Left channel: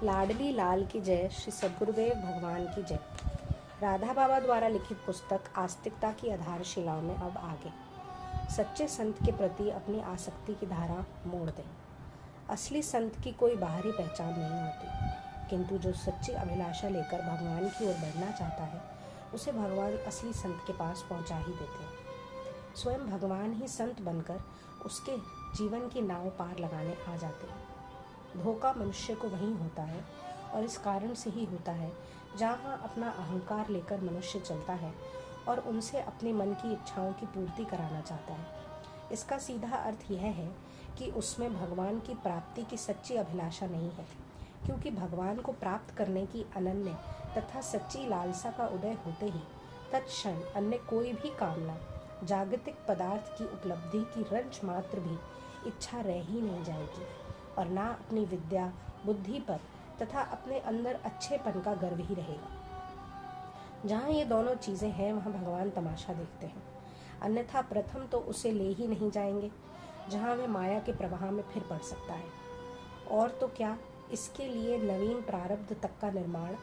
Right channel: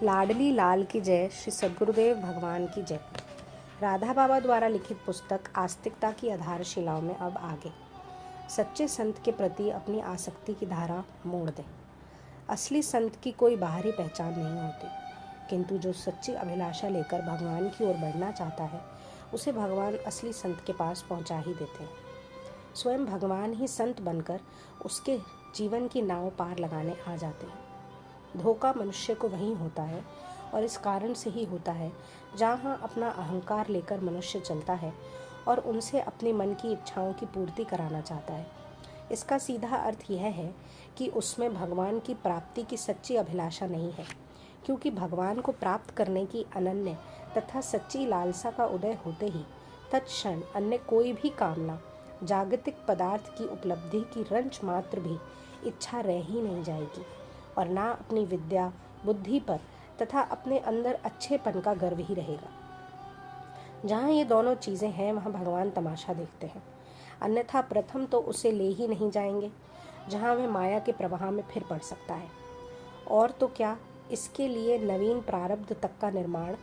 लाडली लाल की जय। श्री सद्गुरुदेव भगवान की जय। राधा बाबा द्वारा लिखित पुस्तक आस्तिकता की आधारशिलाओं में अब आगे। सच्चे संत के प्रति अपनी आसक्ति की धारा मोड़ दें। असली संत की कोई बाहरी पहचान नहीं होती, किंतु जो सच्ची अभिलाषा लेकर भगवान की ओर बढ़ना चाहता है, उसे भगवान असली संत के पास पहुंचा ही देते हैं। स्वयं भगवान ही संत बनकर उसके जीवन की नाव पार लगाने आ जाते हैं। धोखा मनुष्य को वहीं होता है, और इस कारण से ही होता है जहाँ अपना अहंकार लेकर मनुष्य चलता है और उनसे अपने मन की इच्छाओं की पूर्ति कराना चाहता है। इसका सीधा अर्थ यह है कि उसमें भगवान की प्राप्ति की सच्ची अभिलाषा नहीं है, क्योंकि भगवान को प्राप्त करने की अनन्य तथा सच्ची लालसा का उदय होते ही तत्क्षण अन्य कोई भी कामना, जागतिक पदार्थ की उपलब्धि की रंच मात्र भी इच्छा रह ही नहीं जाएगी, और ना अपनी विद्या बुद्धि पर तथा अपने अंदर अच्छेपन का गर्व ही रहेगा। जहाँ ये दोनों चीज़ें हैं, वहाँ भगवान तमाशा देखते हैं, अन्यथा प्रथम तो उसे ले ही नहीं जाएंगे, जहाँ वह माया के प्रवाह में फिर पड़ सकता है। और तो क्या, इसके लिए नवीन प्रारब्ध तक का निर्माण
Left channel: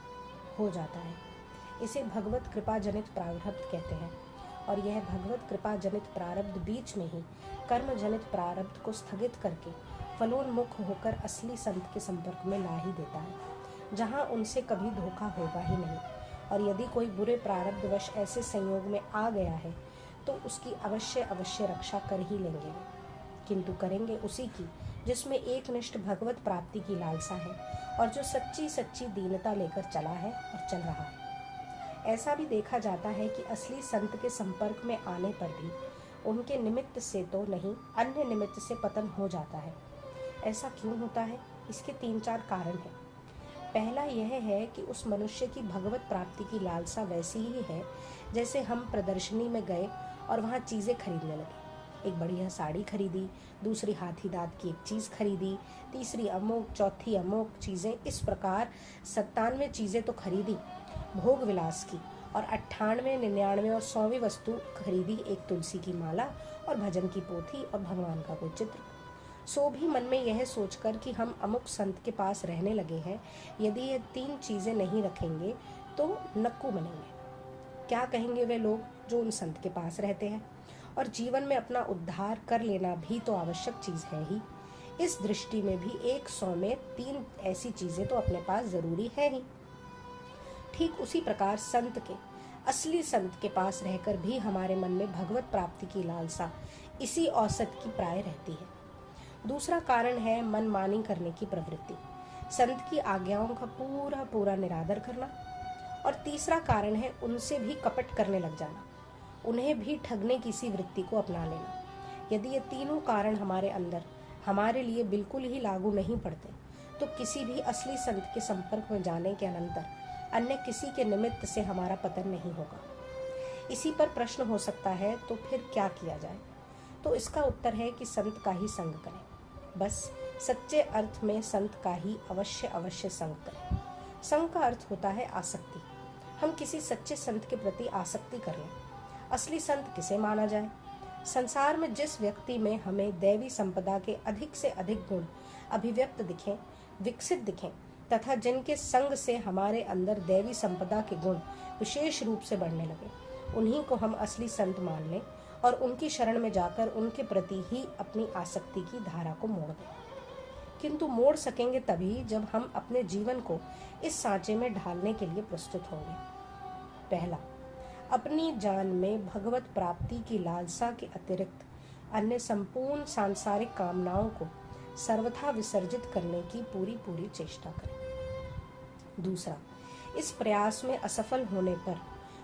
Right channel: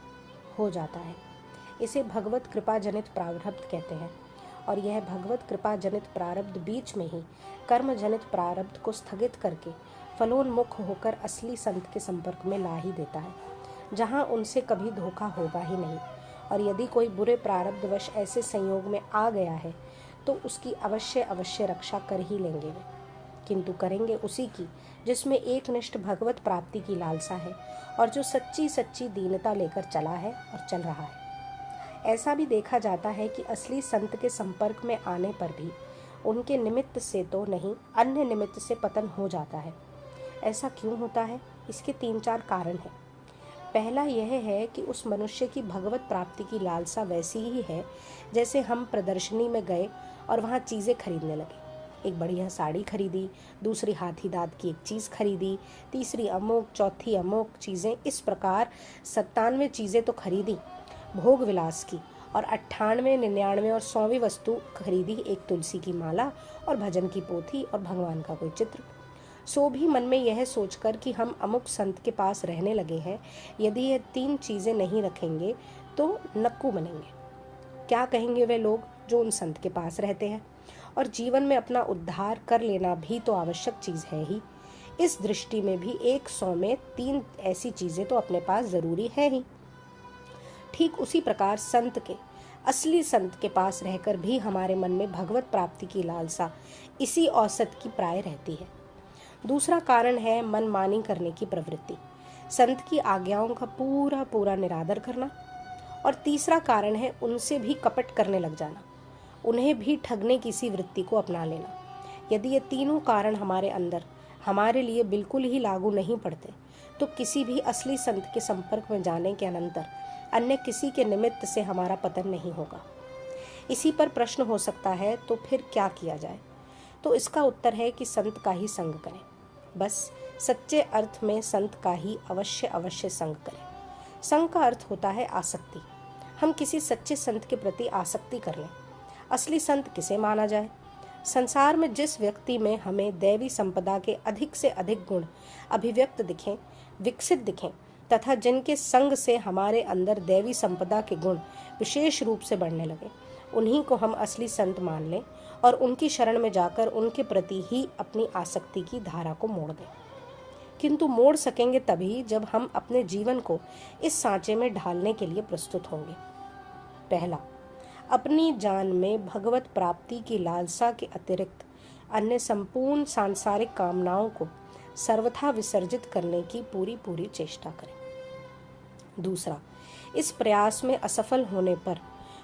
हो जाता है। इसे भगवत कृपा जनित प्रारब्ध कहते हैं, और यह भगवत कृपा जनित प्रारब्ध बीच में ही कर्म जनित प्रारब्ध को स्थगित करके फलोन्मुख होकर असली संत के संपर्क में ला ही देता है, जहाँ उनसे कभी धोखा होगा ही नहीं। और यदि कोई बुरे प्रारब्धवश ऐसे संयोग में आ गया है, तो उसकी अवश्य रक्षा कर ही लेंगे वे, किंतु करेंगे उसी की जिसमें एकनिष्ठ भगवत प्राप्ति की लालसा है, और जो सच्ची दीनता लेकर चला है और चल रहा है। ऐसा भी देखा जाता है कि असली संत के संपर्क में आने पर भी उनके निमित्त से तो नहीं, अन्य निमित्त से पतन हो जाता है। ऐसा क्यों होता है? इसके 3-4 कारण हैं। पहला यह है कि उस मनुष्य की भगवत प्राप्ति की लालसा वैसी ही है जैसे हम प्रदर्शनी में गए और वहाँ चीज़ें खरीदने लगे। एक बढ़िया साड़ी खरीदी, दूसरी हाथी दांत की एक चीज़ खरीदी, तीसरी अमुक, चौथी अमुक चीज़ें, इस प्रकार 97 चीज़ें तो खरीदी भोग विलास की, और 98, 99 और 100वीं वस्तु खरीदी एक तुलसी की माला और भजन की पोथी और भगवान का कोई चित्र। सो भी मन में यह सोचकर कि हम अमुक संत के पास रहने लगे हैं, यदि ये 3 चीज़ें नहीं रखेंगे तो नक्कू बनेंगे। क्या कहेंगे वे लोग जो उन संत के पास रहते हैं? और जीवन में अपना उद्धार कर लेना भी तो आवश्यक चीज़ है ही। इस दृष्टि में भी 100 में 3 ऐसी चीज़ें तो अपने पास ज़रूरी है ही। ठीक उसी प्रकार संत के, असली संत के पास रहकर भी हमारे मन में भगवत प्राप्ति की लालसा इसी औसत की प्राय रहती है। दूसरा कारण है मनमानी करने की प्रवृत्ति, संत की आज्ञाओं का पूरा निरादर करना। और तीसरा कारण है उनसे भी कपट करने लग जाना, उन्हें भी ठगने की सी वृत्ति को अपना लेना। यदि ये तीनों कारण हमारे अंदर हमारे लिए बिल्कुल ही लागू नहीं पड़ते, तो किसी भी असली संत के संपर्क में जाने के अनंतर अन्य किसी के निमित्त से हमारा पतन नहीं होगा। इसी पर प्रश्न हो सकता है, तो फिर क्या किया जाए? तो इसका उत्तर है कि संत का ही संग करें। बस सच्चे अर्थ में संत का ही अवश्य संग करें। संग का अर्थ होता है आसक्ति। हम किसी सच्चे संत के प्रति आसक्ति कर लें। असली संत किसे माना जाए? संसार में जिस व्यक्ति में हमें दैवी संपदा के अधिक से अधिक गुण अभिव्यक्त दिखें, विकसित दिखें, तथा जिनके संग से हमारे अंदर दैवी संपदा के गुण विशेष रूप से बढ़ने लगे, उन्हीं को हम असली संत मान लें और उनकी शरण में जाकर उनके प्रति ही अपनी आसक्ति की धारा को मोड़ दें। किंतु मोड़ सकेंगे तभी जब हम अपने जीवन को इस सांचे में ढालने के लिए प्रस्तुत होंगे। पहला, अपनी जान में भगवत प्राप्ति की लालसा के अतिरिक्त अन्य संपूर्ण सांसारिक कामनाओं को सर्वथा विसर्जित करने की पूरी चेष्टा करें। दूसरा, इस प्रयास में असफल होने पर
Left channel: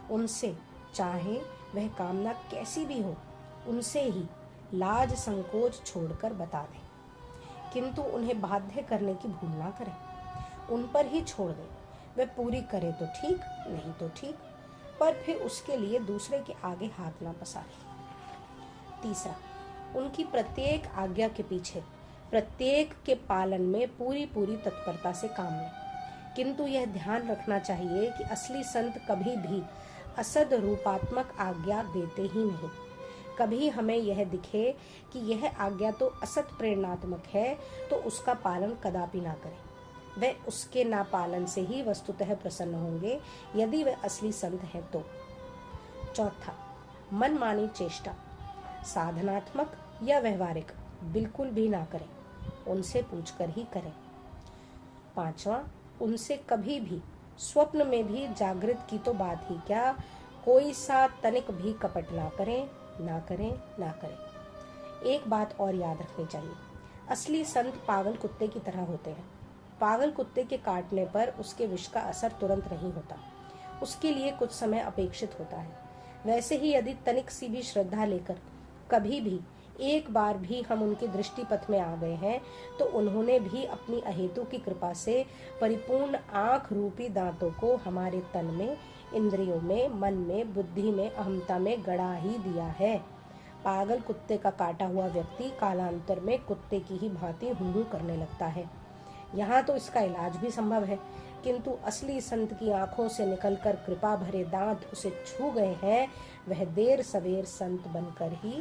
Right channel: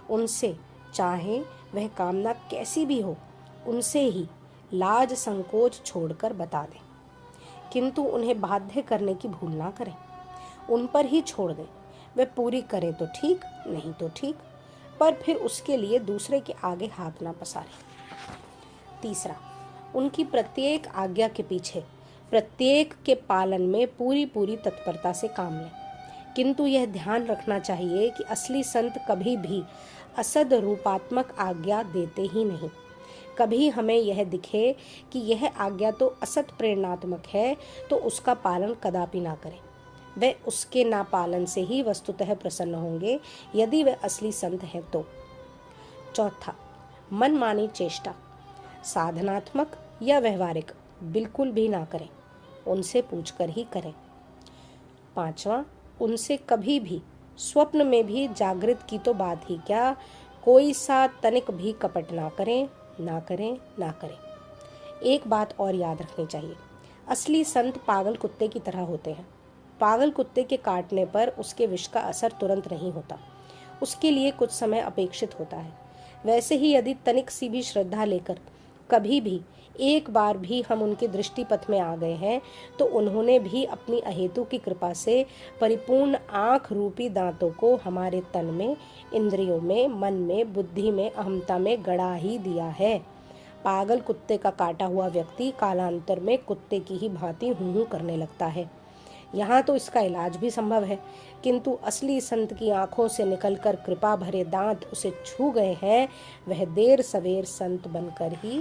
उनसे, चाहे वह कामना कैसी भी हो, उनसे ही लाज संकोच छोड़कर बता दें, किंतु उन्हें बाध्य करने की भूल ना करें। उन पर ही छोड़ दें, वे पूरी करे तो ठीक, नहीं तो ठीक, पर फिर उसके लिए दूसरे के आगे हाथ ना पसारें। तीसरा, उनकी प्रत्येक आज्ञा के पीछे प्रत्येक के पालन में पूरी तत्परता से काम लें, किंतु यह ध्यान रखना चाहिए कि असली संत कभी भी असद रूपात्मक आज्ञा देते ही नहीं। कभी हमें यह दिखे कि यह आज्ञा तो असत प्रेरणात्मक है, तो उसका पालन कदापि ना करें। वे उसके नापालन से ही वस्तुतः प्रसन्न होंगे, यदि वे असली संत हैं तो। चौथा, मनमानी चेष्टा, साधनात्मक या व्यवहारिक बिल्कुल भी ना करें, उनसे पूछकर ही करें। पांचवा, उनसे कभी भी स्वप्न में भी जागृत की तो बात ही क्या, कोई सा तनिक भी कपट ना करें, ना करें, ना करें। एक बात और याद रखनी चाहिए, असली संत पागल कुत्ते की तरह होते हैं। पागल कुत्ते के काटने पर उसके विष का असर तुरंत नहीं होता, उसके लिए कुछ समय अपेक्षित होता है। वैसे ही यदि तनिक सी भी श्रद्धा लेकर कभी भी एक बार भी हम उनके दृष्टि पथ में आ गए हैं, तो उन्होंने भी अपनी अहेतु की कृपा से परिपूर्ण आँख रूपी दांतों को हमारे तन में, इंद्रियों में, मन में, बुद्धि में, अहमता में गड़ा ही दिया है। पागल कुत्ते का काटा हुआ व्यक्ति कालांतर में कुत्ते की ही भांति हूँ करने लगता है। यहाँ तो इसका इलाज भी संभव है, किंतु असली संत की आंखों से निकलकर कृपा भरे दांत उसे छू गए हैं, वह देर सवेर संत बनकर ही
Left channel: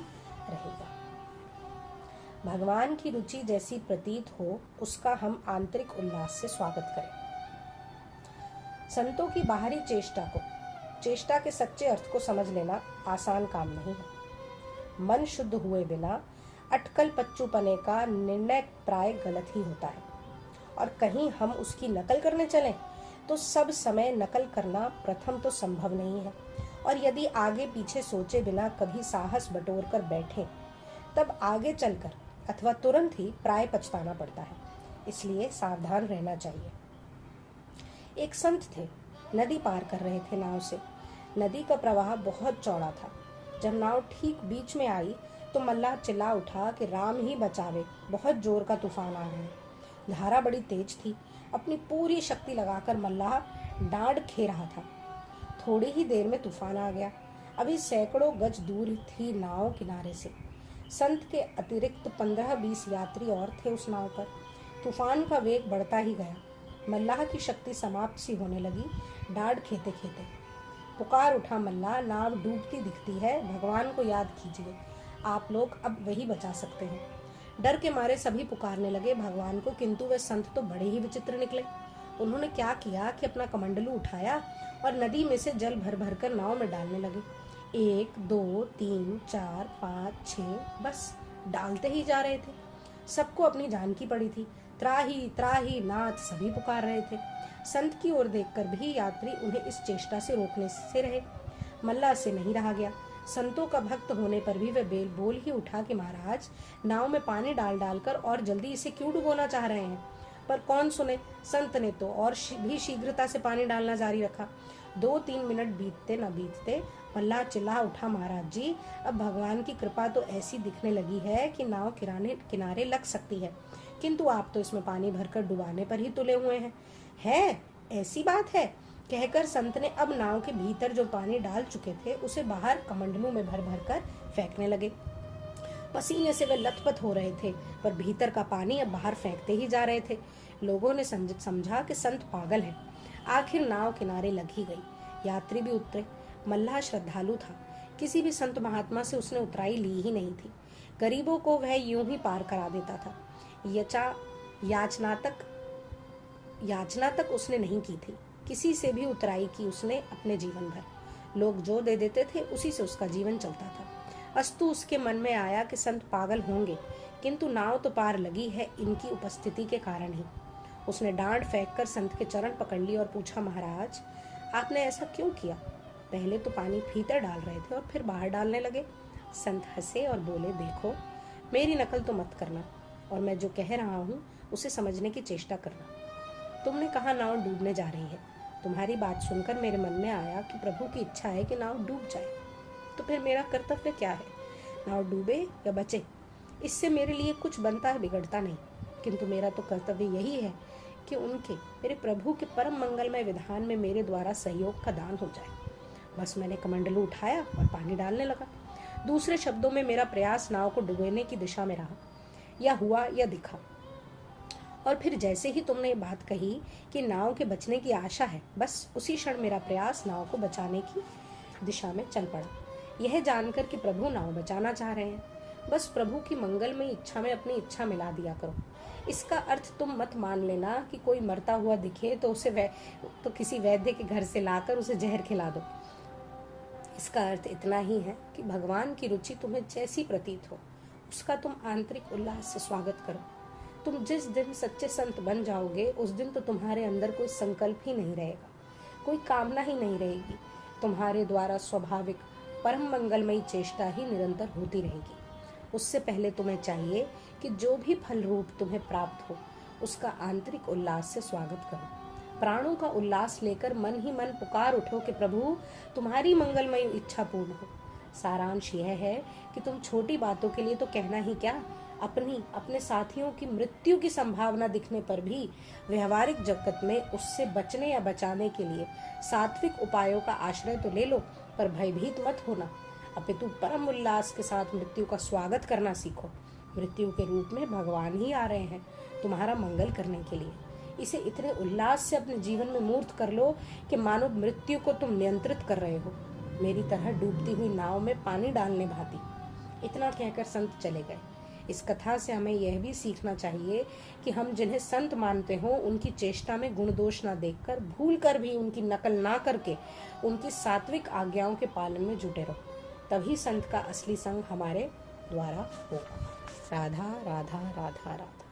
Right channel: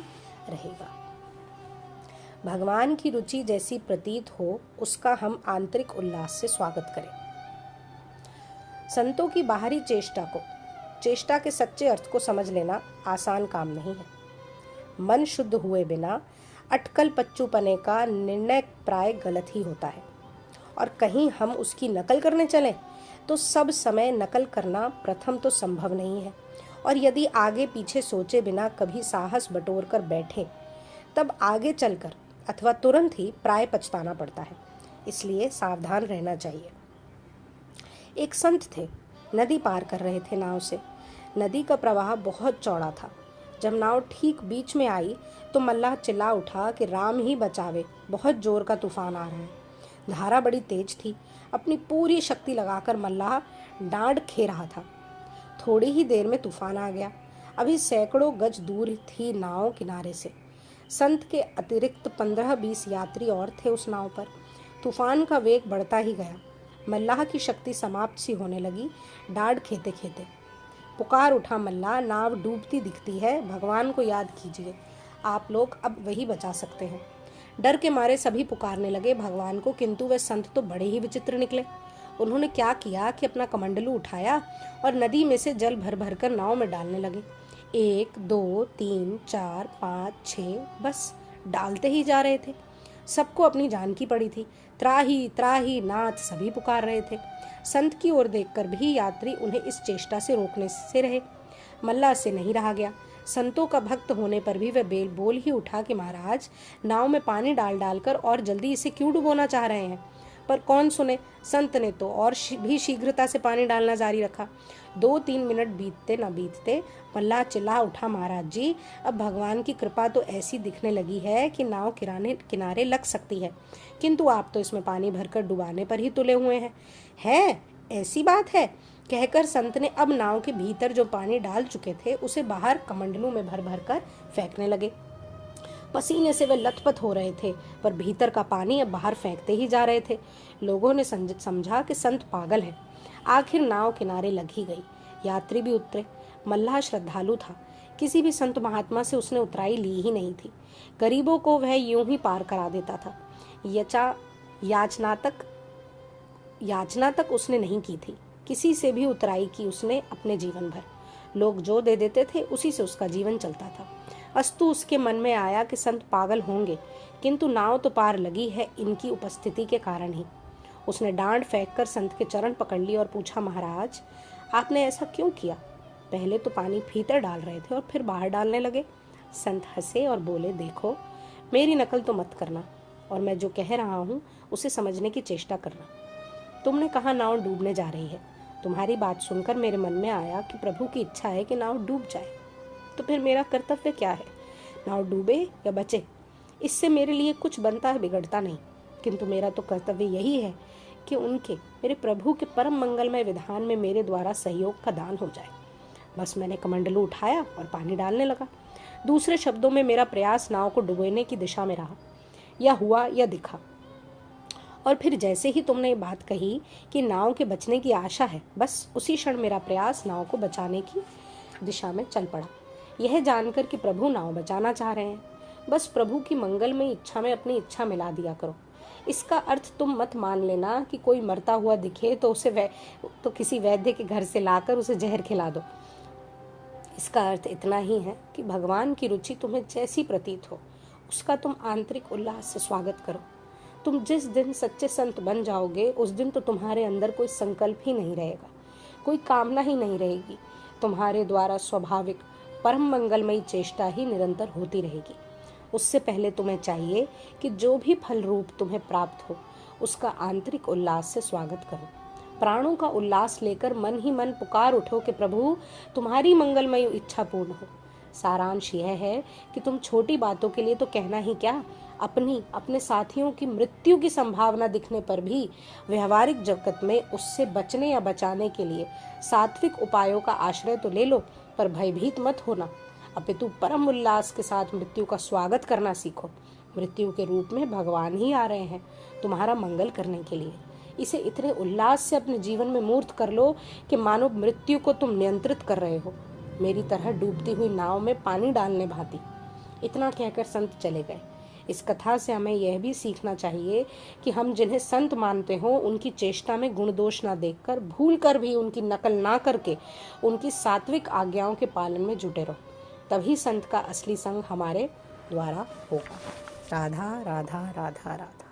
रहेगा। भगवान की रुचि जैसी प्रतीत हो, उसका हम आंतरिक उल्लास से स्वागत करें। संतों की बाहरी चेष्टा के सच्चे अर्थ को समझ लेना आसान काम नहीं है। मन शुद्ध हुए बिना अटकल पच्चूपने का निर्णय प्राय गलत ही होता है, और कहीं हम उसकी नकल करने चलें तो सब समय नकल करना प्रथम तो संभव नहीं है, और यदि आगे पीछे सोचे बिना कभी साहस बटोर कर बैठे, तब आगे चलकर अथवा तुरंत ही प्राय पछताना पड़ता है। इसलिए सावधान रहना चाहिए। एक संत थे, नदी पार कर रहे थे नाव से। नदी का प्रवाह बहुत चौड़ा था। जब नाव ठीक बीच में आई तो मल्लाह चिल्ला उठा कि राम ही बचावे, बहुत जोर का तूफान आ रहा है। धारा बड़ी तेज थी। अपनी पूरी शक्ति लगाकर मल्लाह डांड खे रहा था। थोड़ी ही देर में तूफान आ गया। अभी सैकड़ों गज दूर थी नाव किनारे से। संत के अतिरिक्त 15-20 यात्री और थे उस नाव पर। तूफान का वेग बढ़ता ही गया। मल्लाह की शक्ति समाप्त सी होने लगी। डांड खेते खेते पुकार उठा, मल्लाह, नाव डूबती दिखती है, भगवान को याद कीजिए, आप लोग अब वही बचा सकते हैं। डर के मारे सभी पुकारने लगे भगवान को, किंतु वे संत तो बड़े ही विचित्र निकले। उन्होंने क्या किया कि अपना कमंडलू उठाया और नदी में से जल भर भर कर नाव में डालने लगे। 1, 2, 3, 4, 5, 6, बस डालते ही जा रहे थे। सबको अपनी जान की पड़ी थी। त्राही त्राही नाथ सभी पुकार रहे थे। संत की ओर देखकर भी यात्री उन्हें इस चेष्टा से रोकने से रहे। मल्लाह से नहीं रहा गया। संतों का भक्त होने पर भी वह बेल बोल ही उठा कि महाराज, नाव में पानी डाल डालकर और जल्दी इसे क्यों डुबोना चाह रहे हैं। पर कौन सुने, संत ने तो और भी शीघ्रता से पानी डालना जारी रखा। 2-3 मिनट बीतते न बीतते मल्लाह चिल्ला उठा, महाराज जी, अब भगवान की कृपा तो ऐसी दिखने लगी है कि नाव किनारे लग सकती है, किंतु आप तो इसमें पानी भरकर डुबाने पर ही तुले हुए हैं। है ऐसी बात है, कहकर संत ने अब नाव के भीतर जो पानी डाल चुके थे उसे बाहर कमंडलों में भर भर कर फेंकने लगे। पसीने से वे लथपथ हो रहे थे, पर भीतर का पानी अब बाहर फेंकते ही जा रहे थे। लोगों ने समझा कि संत पागल है। आखिर नाव किनारे लग ही गई। यात्री भी उतरे। मल्लाह श्रद्धालु था। किसी भी संत महात्मा से उसने उतराई ली ही नहीं थी। गरीबों को वह यूं ही पार करा देता था। याचना तक उसने नहीं की थी। किसी से भी उतराई की उसने अपने जीवन भर। लोग जो दे देते थे उसी से उसका जीवन चलता था। अस्तु उसके मन में आया कि संत पागल होंगे, किंतु नाव तो पार लगी है इनकी उपस्थिति के कारण ही। उसने डांड फेंककर संत के चरण पकड़ लिए और पूछा, महाराज, आपने ऐसा क्यों किया? पहले तो पानी भीतर डाल रहे थे और फिर बाहर डालने लगे। संत हंसे और बोले, देखो, मेरी नकल तो मत करना, और मैं जो कह रहा हूँ उसे समझने की चेष्टा करना। तुमने कहा नाव डूबने जा रही है। तुम्हारी बात सुनकर मेरे मन में आया कि प्रभु की इच्छा है कि नाव डूब जाए, तो फिर मेरा कर्तव्य क्या है? नाव डूबे या बचे, इससे मेरे लिए कुछ बनता है बिगड़ता नहीं, किंतु मेरा तो कर्तव्य यही है कि मेरे प्रभु के परम मंगलमय विधान में मेरे द्वारा सहयोग का दान हो जाए। बस मैंने कमंडलू उठाया और पानी डालने लगा। दूसरे शब्दों में मेरा प्रयास नाव को डुबोने की दिशा में रहा, या हुआ या दिखा। और फिर जैसे ही तुमने ये बात कही कि नाव के बचने की आशा है, बस उसी क्षण मेरा प्रयास नाव को बचाने की दिशा में चल पड़ा, यह जानकर कि प्रभु नाव बचाना चाह रहे हैं। बस प्रभु की मंगल में इच्छा में अपनी इच्छा मिला दिया करो। इसका अर्थ तुम मत मान लेना कि कोई मरता हुआ दिखे तो तो किसी वैद्य के घर से लाकर उसे जहर खिला दो। इसका अर्थ इतना ही है कि भगवान की रुचि तुम्हें जैसी प्रतीत हो उसका तुम आंतरिक उल्लास से स्वागत करो। तुम जिस दिन सच्चे संत बन जाओगे उस दिन तो तुम्हारे अंदर कोई संकल्प ही नहीं रहेगा, कोई कामना ही नहीं रहेगी। तुम्हारे द्वारा स्वाभाविक परम मंगलमयी चेष्टा ही निरंतर होती रहेगी। उससे पहले तुम्हें चाहिए कि जो भी फल रूप तुम्हें प्राप्त हो उसका आंतरिक उल्लास से स्वागत करो। प्राणों का उल्लास लेकर मन ही मन पुकार उठो कि प्रभु तुम्हारी मंगलमयी इच्छा पूर्ण हो। सारांश यह है कि तुम छोटी बातों के लिए तो कहना ही क्या, अपने साथियों की मृत्यु की संभावना दिखने पर भी व्यवहारिक जगत में उससे बचने या बचाने के लिए सात्विक उपायों का आश्रय तो ले लो, पर भयभीत मत होना, अपितु परम उल्लास के साथ मृत्यु का स्वागत करना सीखो। मृत्यु के रूप में भगवान ही आ रहे हैं तुम्हारा मंगल करने के लिए। इसे इतने उल्लास से अपने जीवन में मूर्त कर लो कि मानो मृत्यु को तुम नियंत्रित कर रहे हो, मेरी तरह डूबती हुई नाव में पानी डालने भांति। इतना कहकर संत चले गए। इस कथा से हमें यह भी सीखना चाहिए कि हम जिन्हें संत मानते हो उनकी चेष्टा में गुण दोष ना देखकर भूल कर भी उनकी नकल ना करके उनकी सात्विक आज्ञाओं के पालन में जुटे रहो, तभी संत का असली संग हमारे द्वारा होगा। राधा राधा राधा राधा।